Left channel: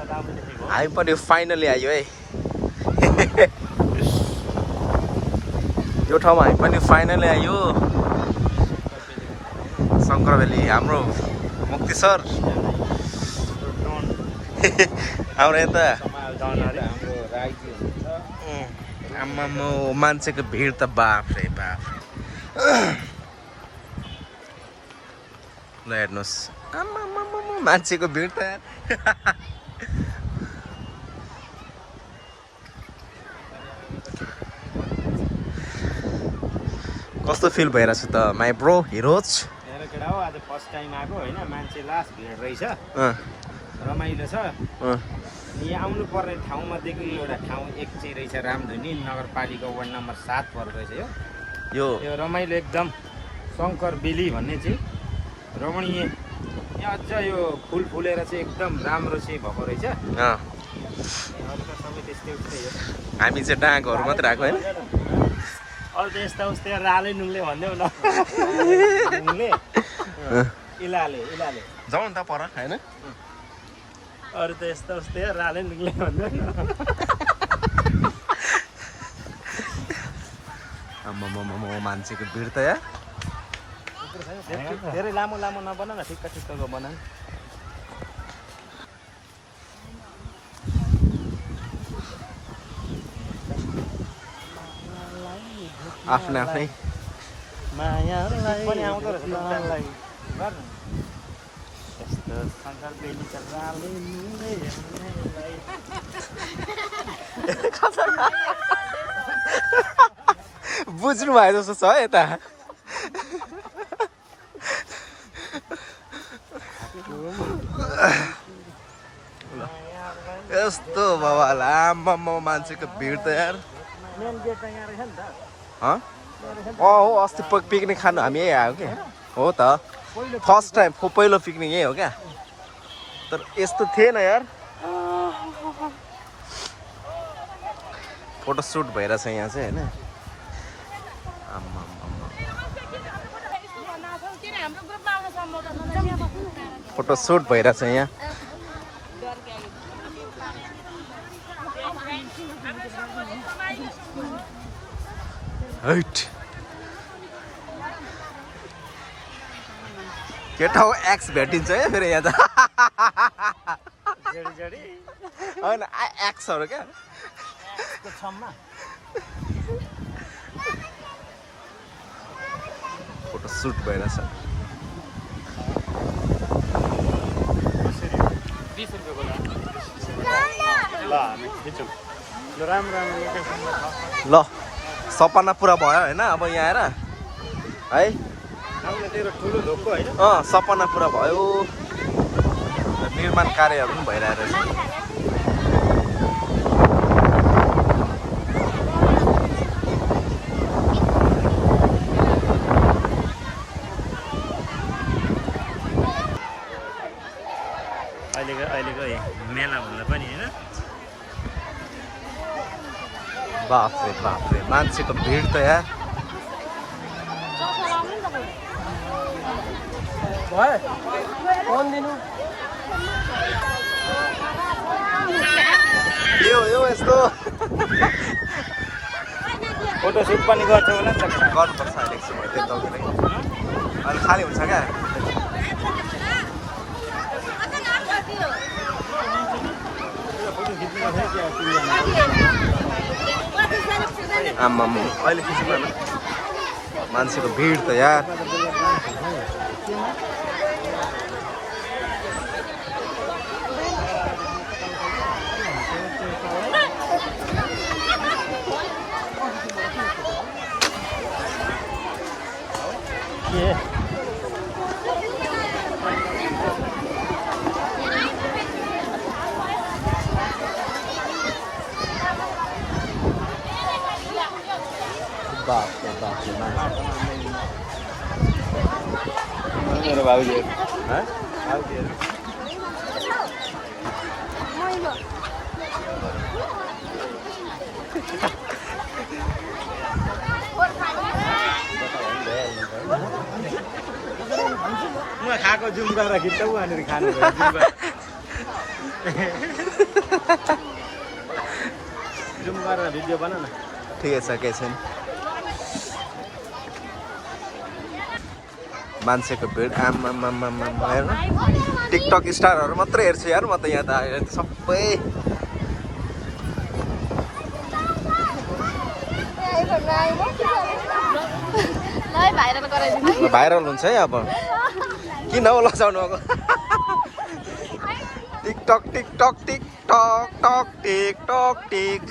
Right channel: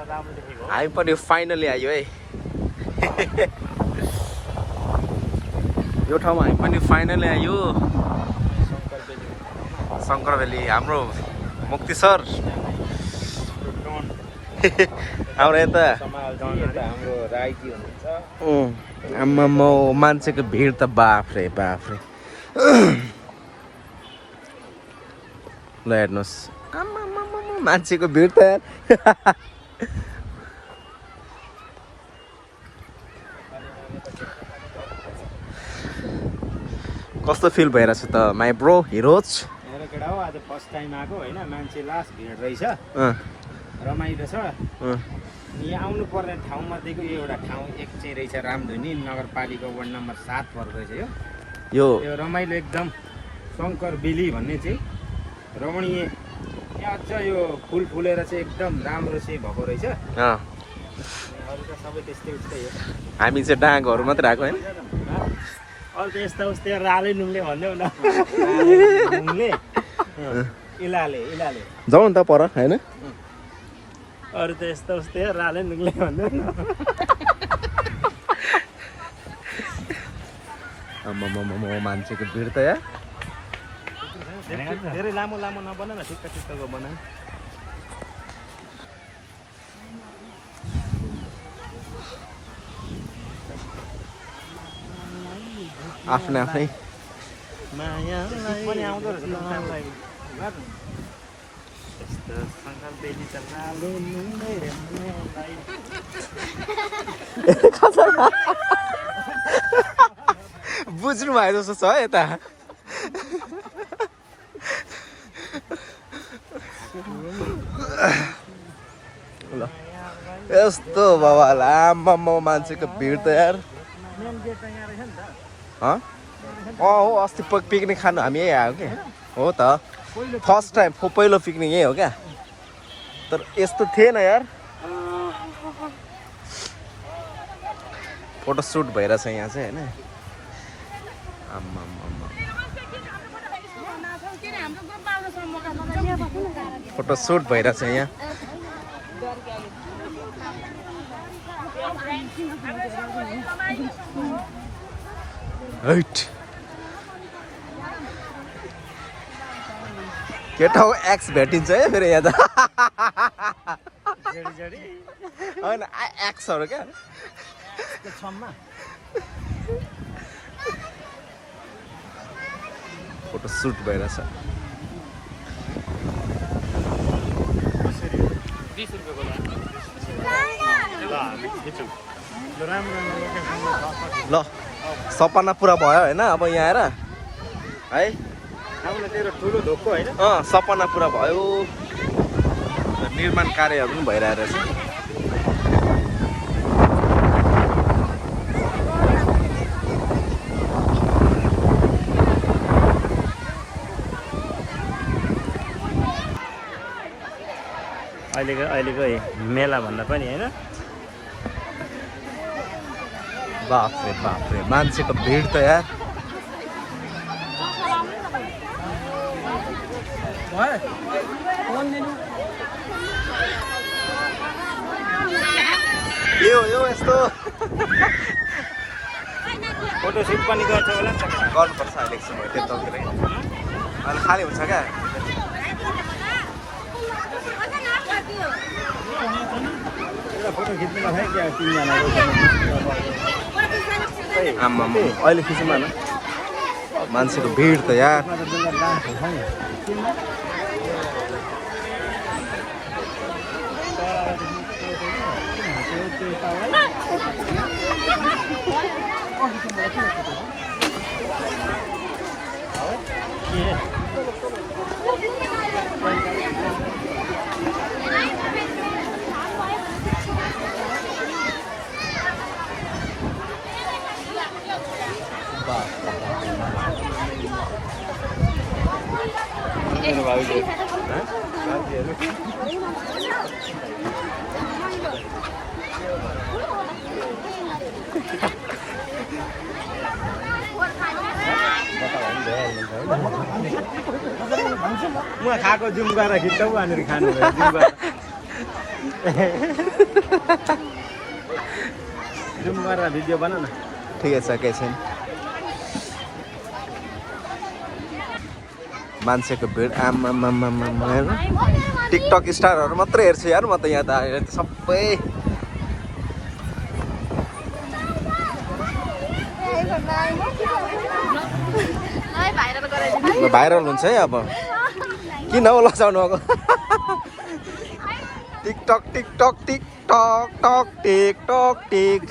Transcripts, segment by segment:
हामी पनि फाइनली आयो है यो ठाउँमा हामी पनि फाइनली आयो शङ्कर भ्याली हाम्रो मुक्ति सर हाम्रो यता आम्मामा मान्छेको भिड त बाफ रे ल हेर्नुहोस् आम्मामा मान्छेको भिड त कस्तो फिल भइरहेछ त माई ब्रो हिरोज हेर केटा हो आज फर्स्ट टाइम आएको होइन मान्छे लास्ट भिड रहेछ रमाइलो छ यहाँ आउनु पर्ने ठाउँमध्येको यो एउटा ठाउँ एक चाहिँ रहेछ रामधुनी नगरपालिका वार्ड नम्बर 7 पर्दो रहेछ यो रमाइलो एकदम शङ्कर बेली भन्ने चाहिँ रमणीय यहाँ अझ यो फुल फुलेर चाहिँ एकदम राम्रो चाहिँ भएको रहेछ अरू त सबै त्यस्तै उस्तै हो हामी चाहिँ डाँगहरू मात्रै आएको होइन अरू त यस्ता उस्तै राले नुङले भन्दै न इलाले जाउँ नि त पर होइन अरू त यस्तो उस्तै राले नुङले भन्दै आम्मामा मान्छेको भिड त यार धेरै लामो नबनाऊ न ठिक्कको बनाऊ आफ्नै पनि आउँदो बुझ्नु भयो जस्तो छ यता ल यस्तो बाबा आम्मामा मान्छेको भिड त यार हो अस्ति पिकनिक खानु हामी यही आयो क्या हो त फर्स्ट टाइम पहिलो पिकनिक यही हो क्या तर यस्तो थिएन यार फोटो सुट भइरहेछ यहाँ चाहिँ होइन आम्मामा फोटो सुट भइरहेछ यहाँ राइट केटा हो एक्स भेटिन्छ है फेरि यहाँ त होइन एक्सहरू क्या फोटो सुट भइरहेछ ल सपना पुरा भयो होइन अब यहाँ आएर है सपना पुरा भयो निर्माण कार्यहरू पनि भइरहेको रहेछ अहिलेको मेला भन्दा पनि होइन बाफ्रे मान्छेको भिड त यार यो यस्तो फोटो सुट पनि गर्छ होला गर्नुपर्छ अहिले एकछिन भयो त्यो तलतिर अहिले खाली हुन्छ क्या फोटो खिच्नु आम्मामा अहिले खिच्नु न मान्छेको भिड त यार म खाएको जुम्बा खिच्छौ भनेर खानु जुम गरेर भिडियो बनाऊ न ठिकै छ केही छैन मान्छेको भिड आम्मामामामा हेर्नु टिकटक स्टारहरू मात्रै हेर्छु यार म त यहाँ त आएर सबै भाइरल हुन्छ है अब किन हो लजाउनु अब टिकटक टिकटक टिकटक टक टिकटक टिक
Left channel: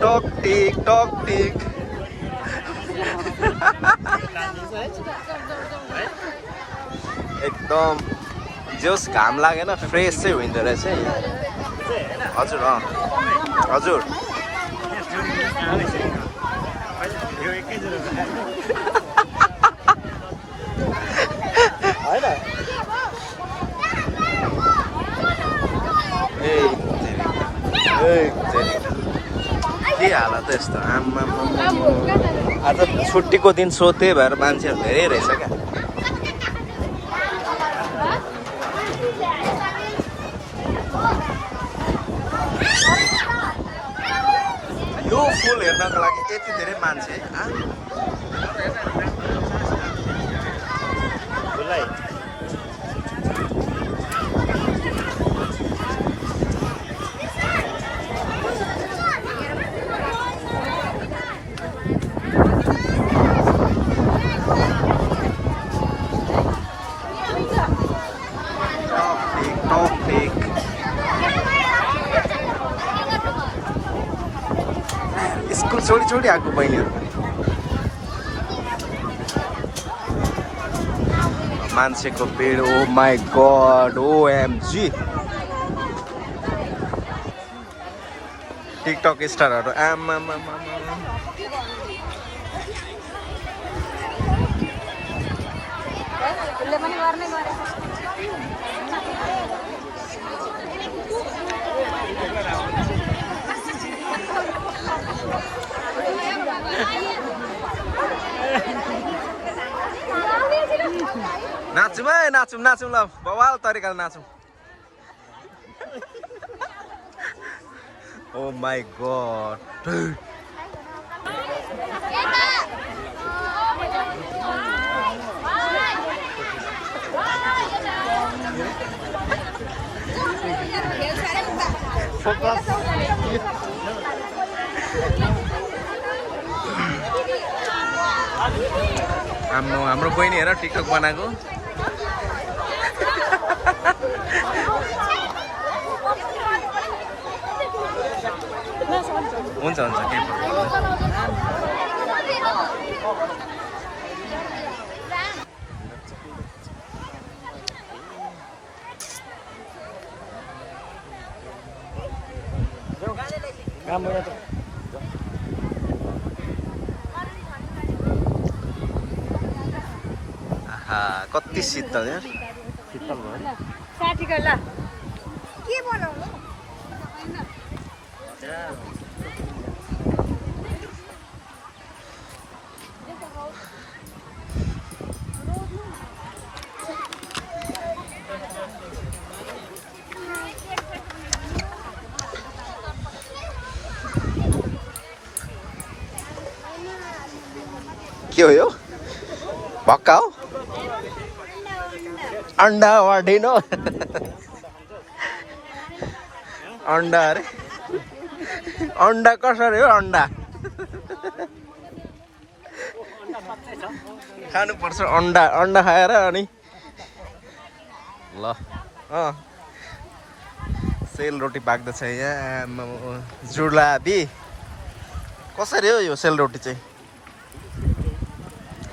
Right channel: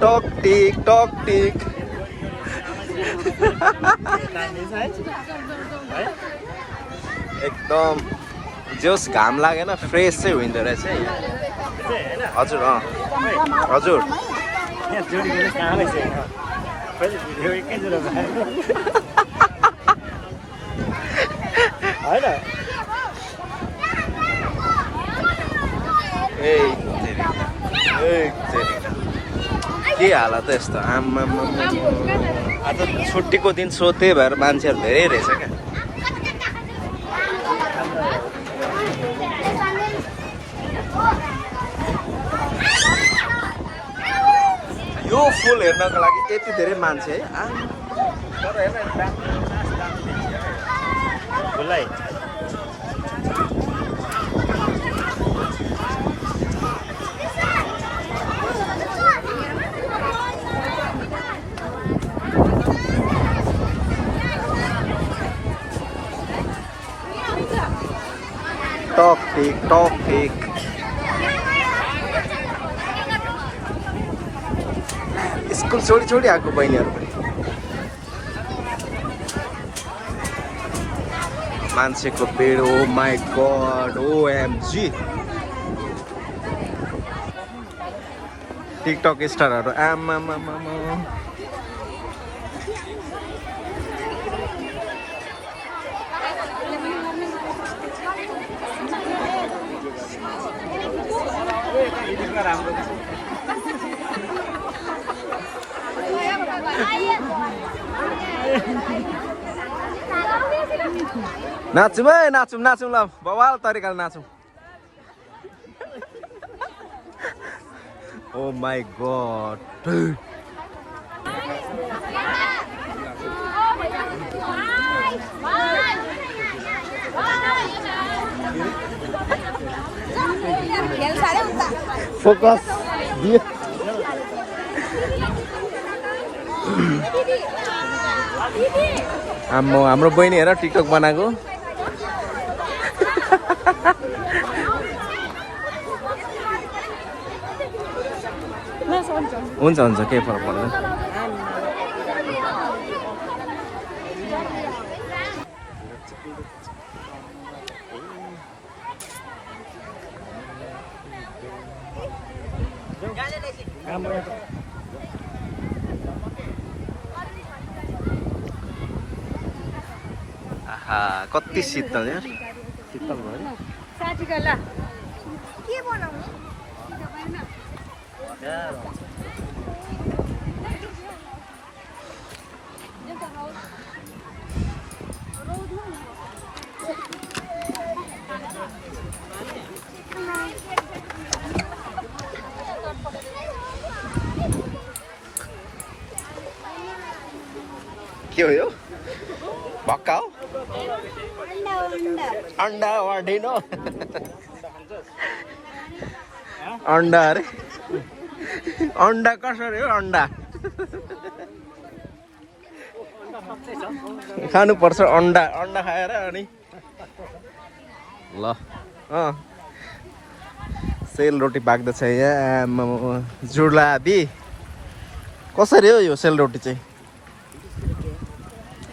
टक टिक टक टिक एकदम जोस घाम लागेन फ्रेस चाहिँ हुँदो रहेछ हजुर हजुर के हालत यस्तो आम्मामा आज छुट्टीको दिन सो त्यही भएर मान्छेहरू धेरै रहेछ क्या यो फुल हेर्नको लागि यति धेरै मान्छे है टक टिक टक टिक स्कुल छोडी छोडी आएको बहिनीहरू मान्छेको भिड ओ माई गड ओएमजी टिकटक स्टारहरू आमामामा नाचौँ है नाचौँ नाचौँ ल बवाल तरिकाले नाचौँ ओ माई गड फोकस हाम्रो बहिनी हेर टिकटक बनाएको हुन्छ हुन्छ केही फरक पर्दैन आहा कति शीतल यार शीतल भयो के हो यो भक्का हो अंडा वाढिनो अंडा अरे अंडा कसरी हो अंडा खानुपर्छ अंडा अंडा खाएर अनि ल सेलरोटी पाक्दैछ यहाँ जुलाबी कसरी हो यो सेलरोटी चाहिँ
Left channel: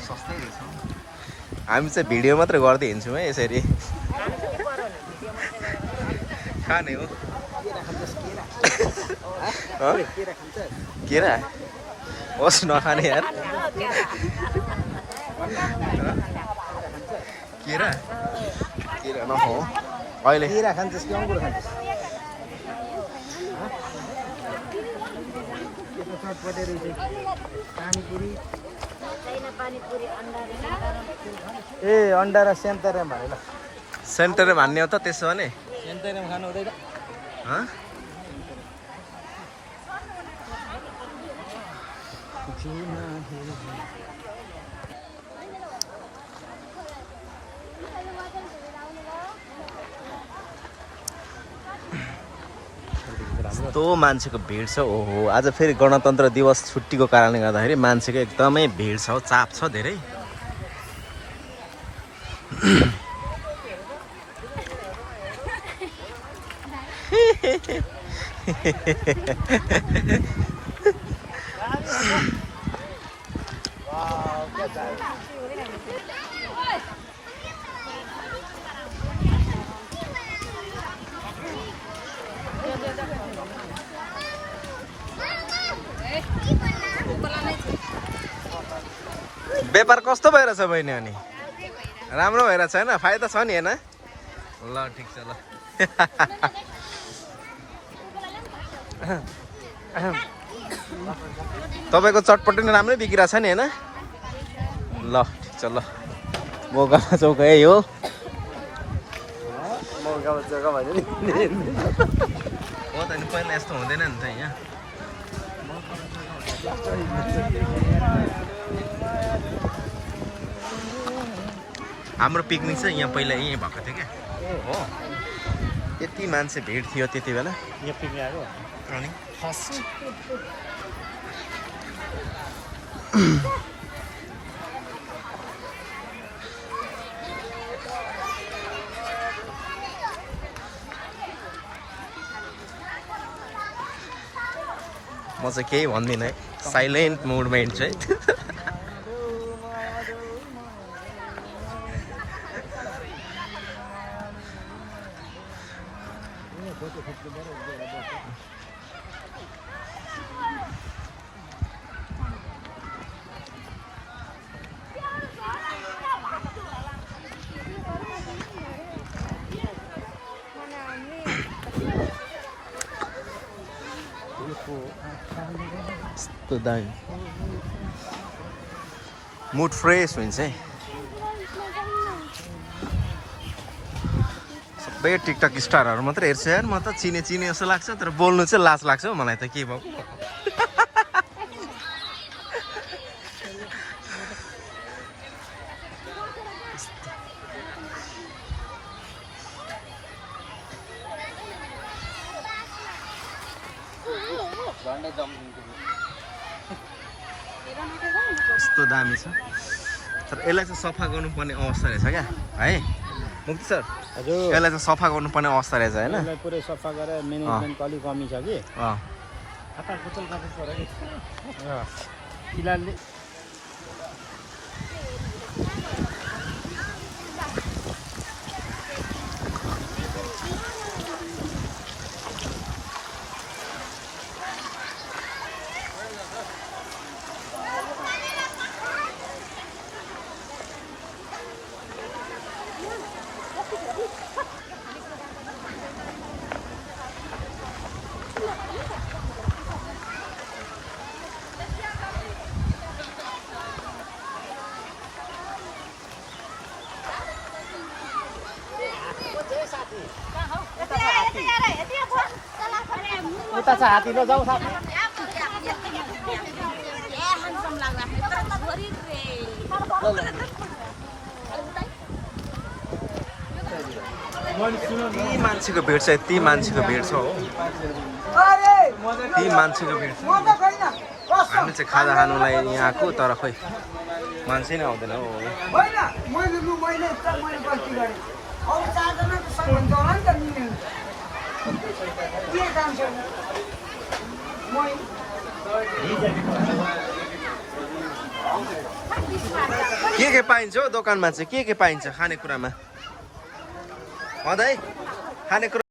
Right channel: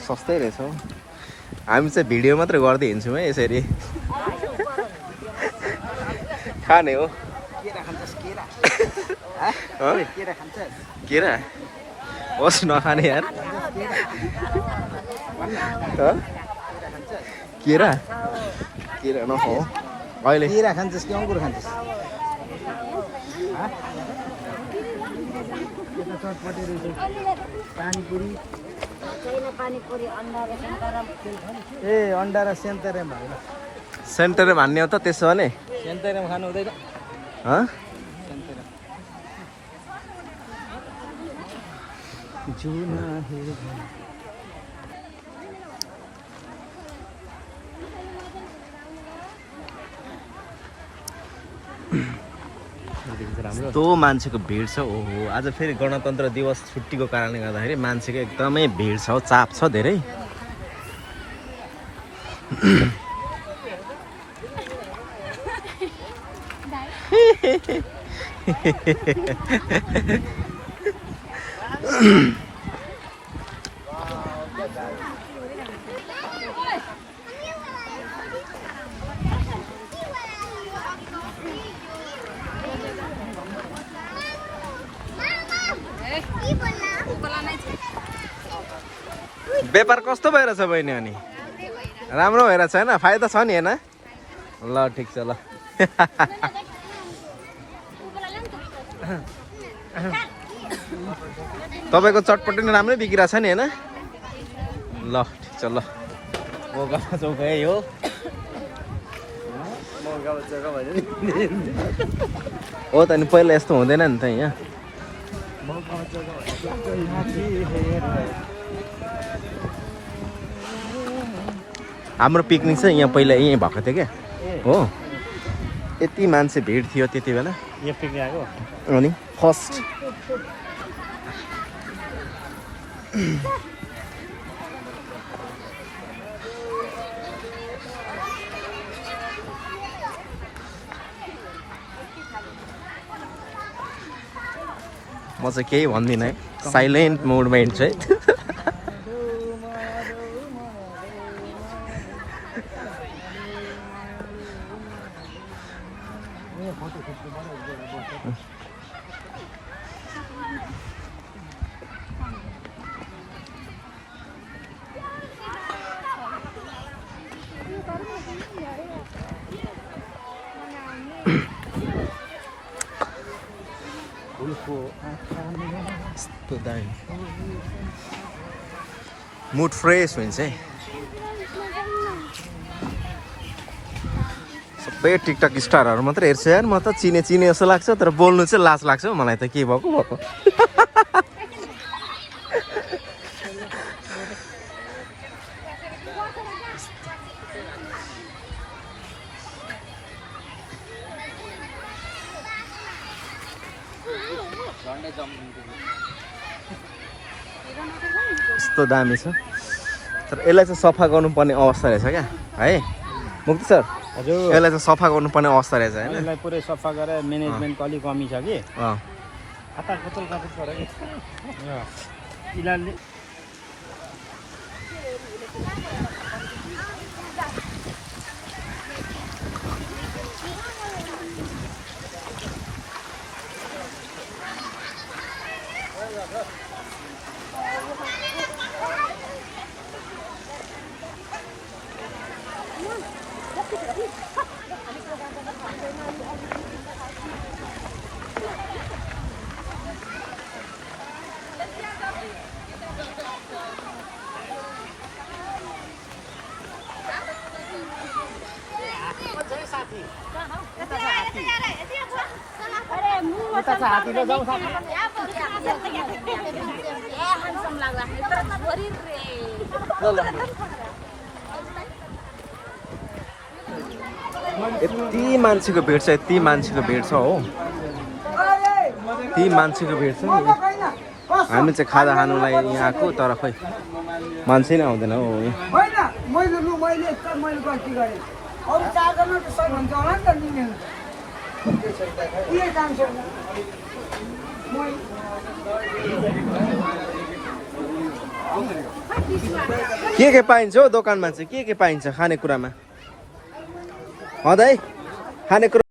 सस्तै रहेछ हामी चाहिँ भिडियो मात्र गर्दै हिँड्छौँ है यसरी खाने हो केरा होस् नखाने यार केरा केरा नखाऊ अहिले चटपटे रहेछ पानीपुरी ए अन्डा र सेन्टरम हाले ल सेन्टरै भन्ने हो त त्यसो भने सेन्टरम खानु हुँदैन हँ यस्तो मान्छेको भिड छ ओहो आज फेरि गणतन्त्र दिवस छुट्टीको कारणले गर्दाखेरि मान्छेको एकदमै भिड छ चाप छ धेरै व्यापार कस्तो भइरहेछ बहिनी अनि राम्रो भइरहेछ हैन फाइदा छ नि हैन ल ठिक छ ल तपाईको चटपटी नि राम्रै बिग्रिरहेछ नि हैन ल ठिक छ ल मौकामा चौका यही हो हो त नि पहिला यस्तो हुँदैन नि त यहाँ हाम्रो पिकनिक चाहिँ यहाँ पहिला यहीँ भएको थियो क्या हो यति मान्छे भिड थियो त्यति बेला अनि फर्स्ट म चाहिँ केही भन्दिनँ है साइलेन्ट मोडमा हिँड्छु है यस्तो दामी मुड फ्रेस हुन्छ है सबै टिकटक स्टारहरू मात्रै हेर्छु यार म त चिने जस्तो लाग्छ तर बोल्नु चाहिँ लाज लाग्छ हौ मलाई त के भएको यस्तो दामी छ तर यसलाई चाहिँ सफा गर्नुपर्ने अवस्था रहेछ क्या है मुक्ति सर यसलाई चाहिँ सफा गर्नुपर्ने अवस्था रहेछ होइन यसलाई पुरै सफा गरेर म्यानेजमेन्टको अलिक कमी छ कि खाता खोचल गर्नु पर्यो कि फिलहालले हातीले जाऊ यति मान्छेको भिड छ यति मान्छेको भिड छ हो यति मान्छेको भिड छ हामी चाहिँ खाजा खानुलाई यहाँ आएको तर खोइ मान्छे नै आउँदैन के पाइन्छ हौ दोकानमा चाहिँ के पाइन्छ खानेकुरामा खानेकुरा